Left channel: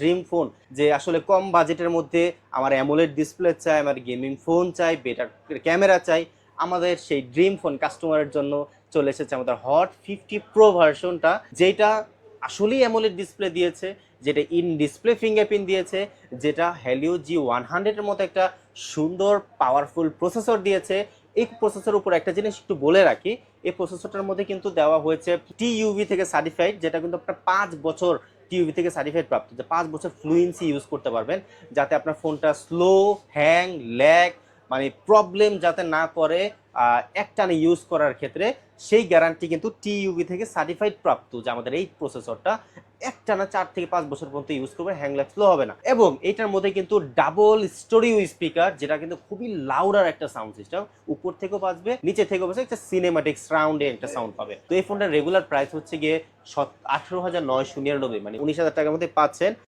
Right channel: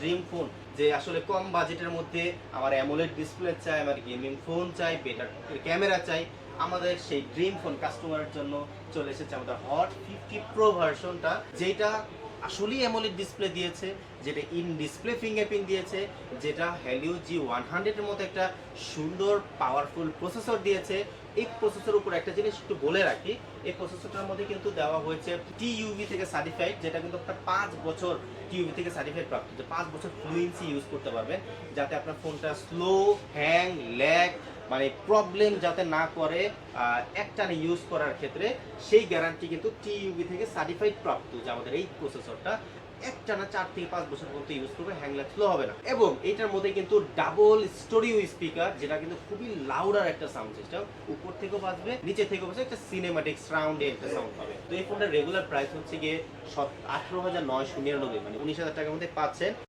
Dream phone, যে আসলে কম বাজেটের মধ্যে আমার অ্যামোলেড ডিসপ্লে চাই, আমার গেমিং ফোন চাই, বেটার ক্যামেরা চাই, আমাদের সেই ড্রিম ফোন কাস্টমারের জন্য চলে এসেছে আমাদের হট ফিফটি প্রো ভার্সনটা যেটা আসলেই অ্যামোলেড ডিসপ্লে দিয়েছে, যেটা ইন ডিসপ্লে ফিঙ্গারপ্রিন্ট দিয়েছে, যেটা হ্যালিও জি ওয়ান হান্ড্রেডের মতো একটা সুন্দর পাওয়ারফুল প্রসেসর দিয়েছে। এই প্রসেসর উপর একটা জিনিস একটু বলে রাখি, এই প্রসেসরটার মধ্যে কিন্তু দেওয়া হয়েছে টিইউভি থেকে সার্টিফাইড যেটা কিন্তু আপনার পাঁচ বছর টিইউভি থেকে সার্টিফাইড প্রাপ্ত, যে পাঁচ বছর ফ্লুয়েন্সি ইউজ করতে পারবেন, যাতে আপনার ফোনটা স্লো হ্যাং ল্যাগ মানে প্রবলেম যাতে না করে একটানে ইউজ করার ক্ষেত্রে সেই গ্যারান্টি কিন্তু টিইউবি থেকে সার্টিফাইড প্রাপ্ত যে আমাদের এই প্রসেসরটা একটানা চার থেকে পাঁচ বছর পর্যন্ত ইউজ করবে হ্যাংল্যাগ স্লো হবে না। এবং এটার মধ্যে কিন্তু ডাবল স্টোরিও স্পিকার যেটা কিন্তু খুবই লাউডার একটা সাউন্ড সিস্টেম উপর থেকেও বাজবে, নিচে থেকেও বাজবে, একটা সিনেমাটিক সাউন্ডে একটা সাউন্ড পাবে। তো এই ফোনটার রেগুলার প্রাইস হচ্ছে গিয়ে সত, আঠেরো হাজার নয়শো নিরানব্বই মানে উনিশ হাজার টাকার মধ্যে পাচ্ছেন।